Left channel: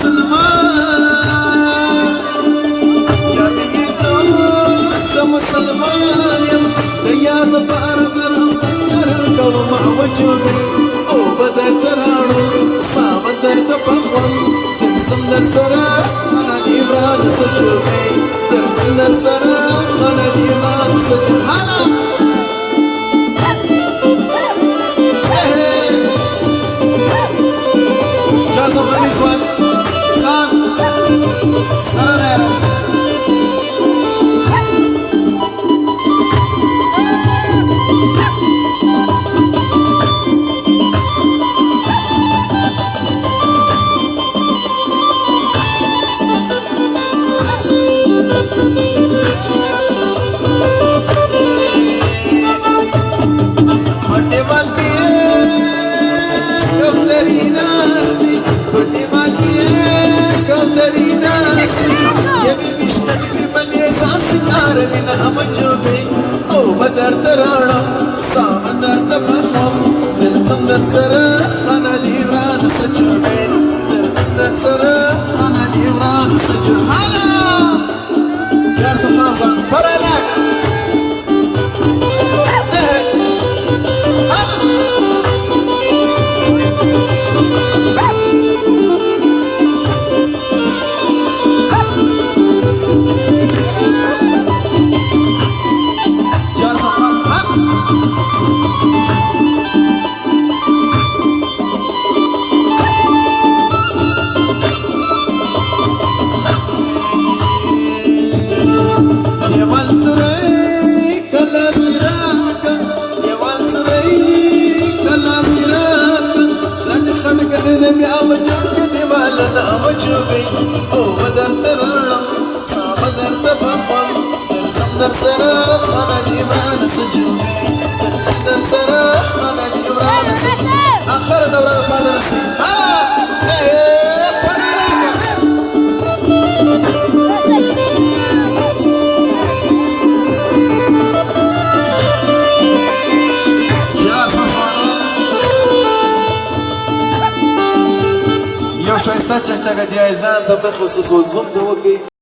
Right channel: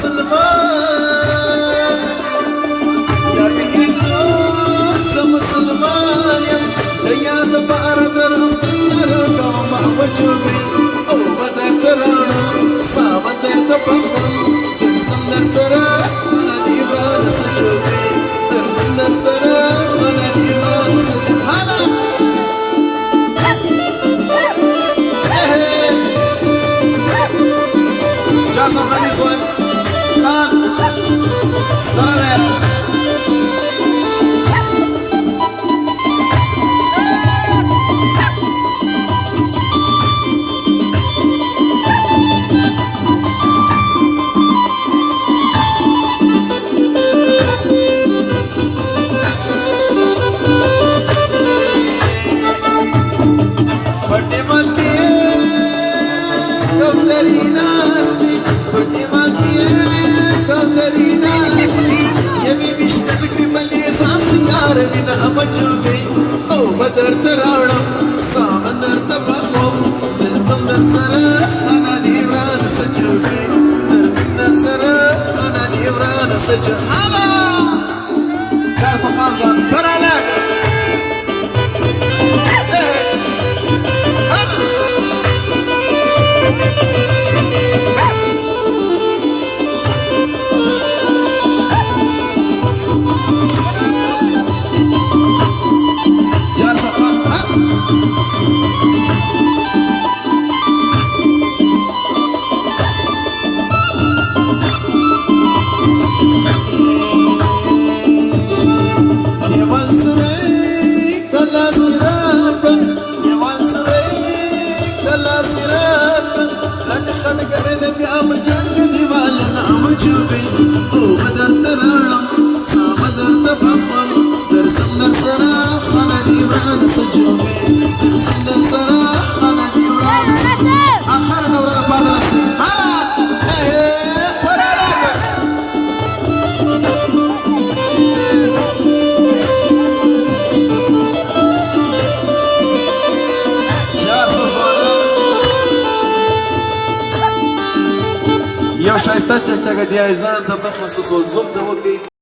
مسلمان یا بیتو مسلمان یم دیاد باردر سنگر قوم وجوبی او بدر ترانو سابدر تبخم درسم در سرا خانادی براد سجوبی درسم در سرا خانادی براد سجوبی بدر ترانو سامندر تبخم درسم در سرا خانادی وران سجوبی درسم در سرا خانادی وران سجوبی هلا يا خانزان برالك وجوبي او بدر ترانم سابدر تبخم درسم در سرا خانادی بران سجوبي درسم در سرا خانادی بران سجوبي اخر دورة بعد رسي هلا برالك يا صفا یو شایسته چکچکه دی ایزان ته بخصوص زوم ته وکي